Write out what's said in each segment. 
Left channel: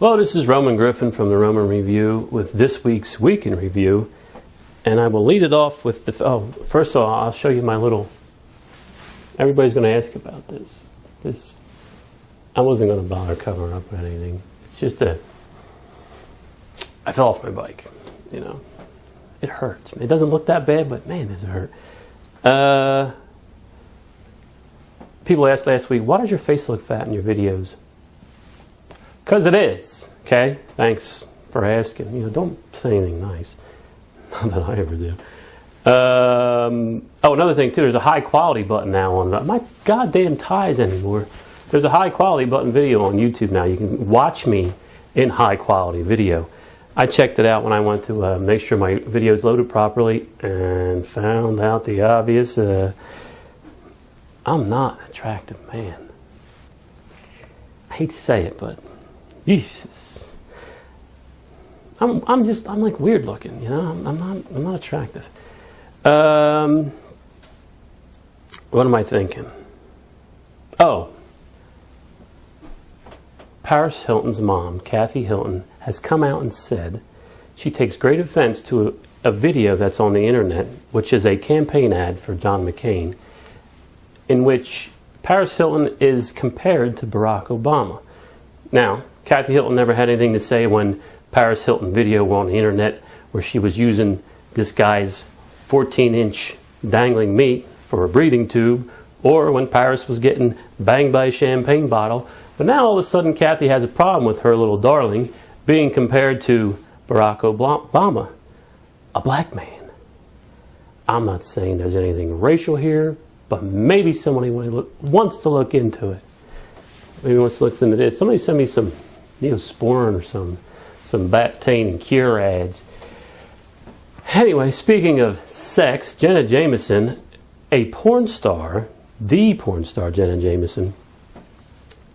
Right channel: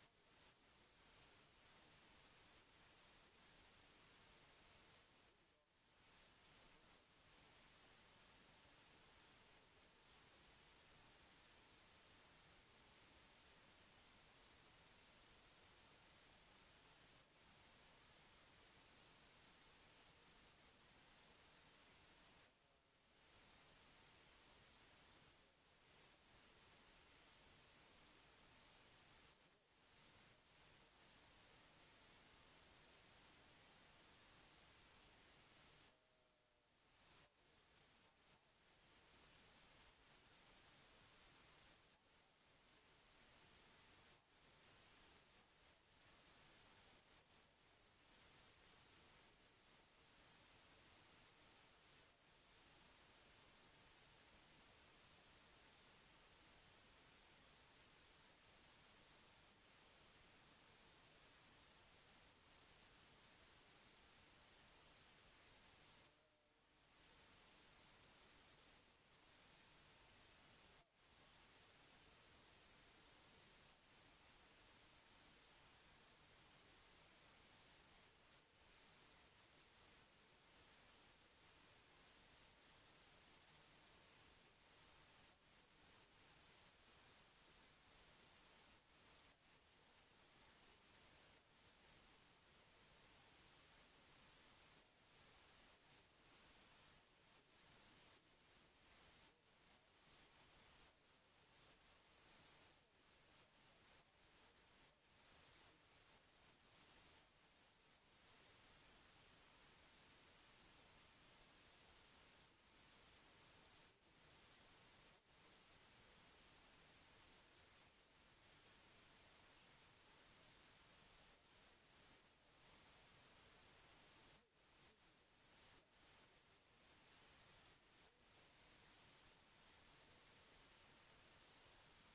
Hello, this is Roman Griffen from the Roman Review with this week's Week in Review. And I will lead it off with the... first of all, I'll show you my little... Everybody's going to ask about this. I wasn't going to bother covering up with anything. It's just I fell off my bike, you know. It hurts. It doesn't look that bad, but man, does it hurt. People asked last week, why does your face look fat in your videos? Because it is, okay? Thanks for asking. You know, don't say anything nice. Not that I ever do. Another thing too, there's a high quality button now on my goddamn ties anymore. There's a high quality button video on YouTube now. You can watch me in high quality video. I checked it out when I went to make sure my video's loaded properly and found out the obvious. I'm not an attractive man. I hate to say it, but Jesus. I'm like weird looking, you know. I'm not attractive. What am I thinking? Oh, Paris Hilton's mom, Kathy Hilton, has come out and said she takes great offense to a video that's on the internet, which is a campaign ad for John McCain, in which Paris Hilton is compared to Barack Obama. Now, Kathy Hilton never had anything to say when Paris Hilton video were on the internet where she was using this guy's 14-inch dangling meat for a breathing tube, or when Paris was getting banged by a champagne bottle. But now all of a sudden Kathy has a problem with her little darling being compared to Barack Obama, a black man. I'm not saying there's anything racial here, but maybe somebody wants to look into it. Maybe wants to look into this. Somebody send me some Neosporin or some Bactane and Cure ads. Anyway, speaking of sex, Jenna Jameson, a porn star, the porn star Jenna Jameson,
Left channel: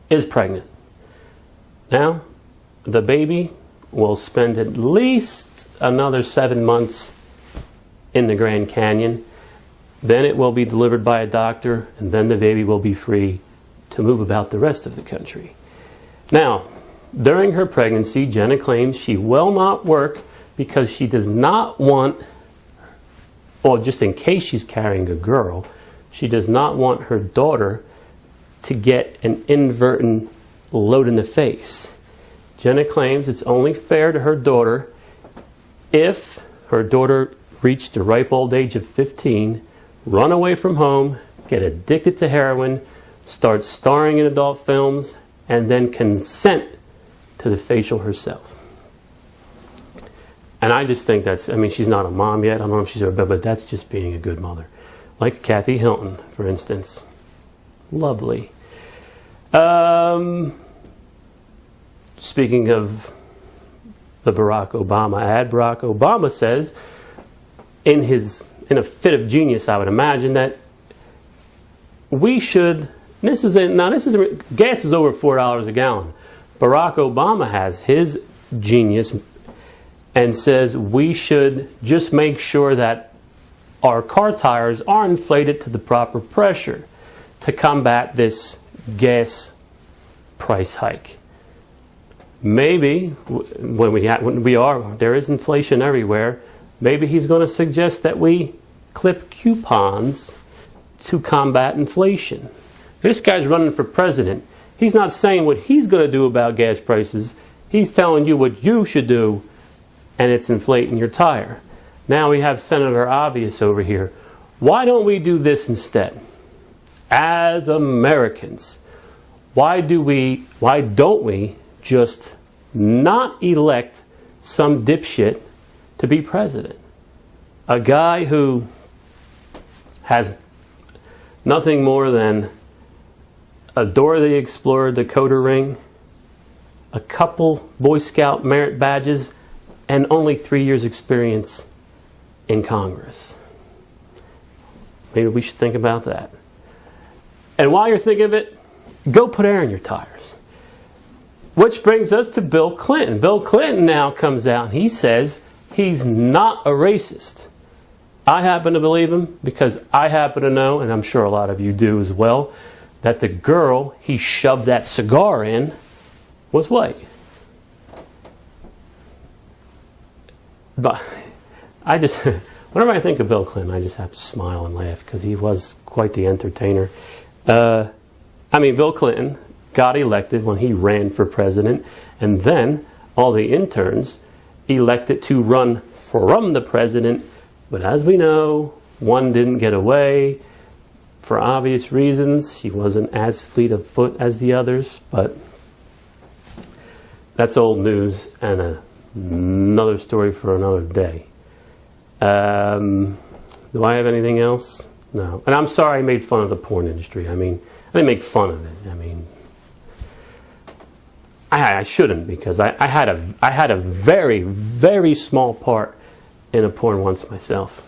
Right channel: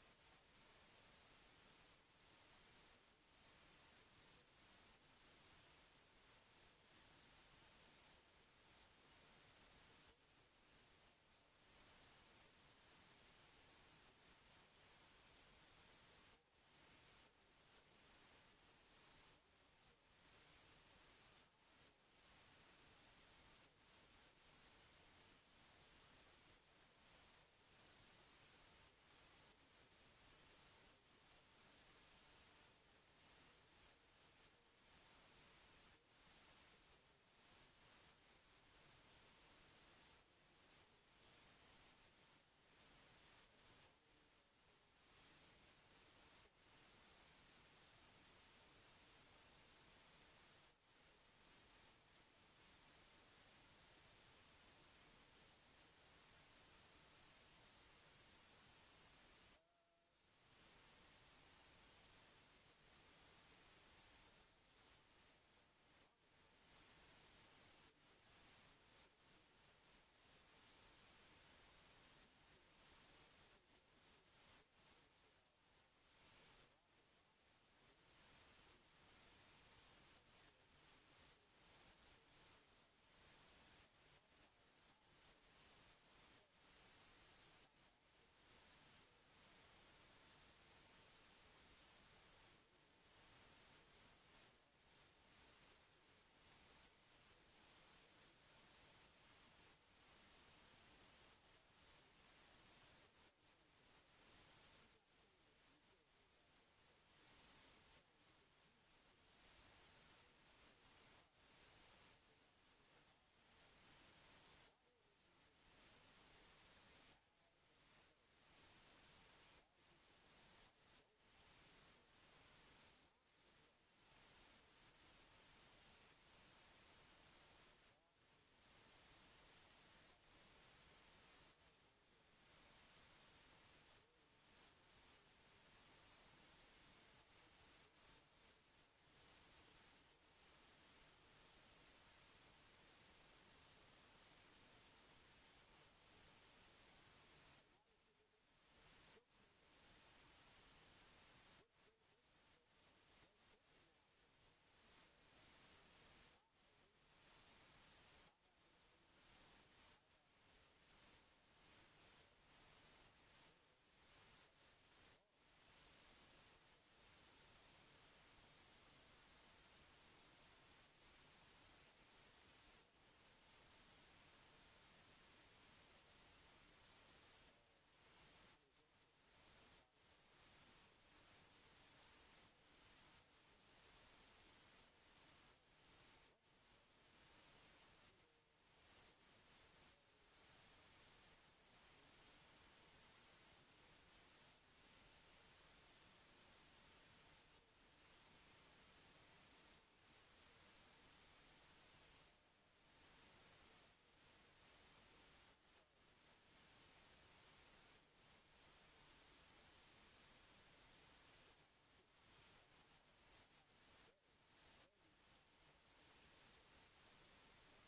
is pregnant. Now, the baby will spend at least another 7 months in the Grand Canyon. Then it will be delivered by a doctor, and then the baby will be free to move about the rest of the country. Now, during her pregnancy, Jenna claims she will not work because she does not want, or just in case she's carrying a girl, she does not want her daughter to get an inadvertent load in the face. Jenna claims it's only fair to her daughter if her daughter reached the ripe old age of 15, run away from home, get addicted to heroin, start starring in adult films, and then consent to the facial herself. And I just think that's, I mean, she's not a mom yet. I don't know if she's a, but that's just being a good mother. Like Kathy Hilton, for instance. Lovely. Speaking of the Barack Obama ad, Barack Obama says, in a fit of genius, I would imagine, that we should, gas is over $4 a gallon. Barack Obama has his genius and says we should just make sure that our car tires are inflated to the proper pressure to combat this gas price hike. Maybe there is inflation everywhere. Maybe he's going to suggest that we clip coupons to combat inflation. This guy's running for president. He's not saying what he's going to do about gas prices. He's telling you what you should do, and it's inflating your tire. Now we have Senator Obvious over here. Why don't we do this instead? As Americans, why don't we just not elect some dipshit to be president? A guy who has nothing more than a Dora the Explorer Dakota ring, a couple Boy Scout merit badges, and only 3 years experience in Congress. Maybe we should think about that. And while you're thinking of it, go put air in your tires. Which brings us to Bill Clinton. Bill Clinton now comes out and he says he's not a racist. I happen to believe him because I happen to know, and I'm sure a lot of you do as well, that the girl he shoved that cigar in was white. But I just, whenever I think of Bill Clinton, I just have to smile and laugh because he was quite the entertainer. I mean, Bill Clinton got elected when he ran for president, and then all the interns elected to run from the president. But as we know, one didn't get away for obvious reasons. He wasn't as fleet of foot as the others, but that's old news and another story for another day. Do I have anything else? No. And I'm sorry I made fun of the porn industry. I mean, I didn't make fun of it. I mean, I shouldn't, because I had a very, very small part in a porn once myself.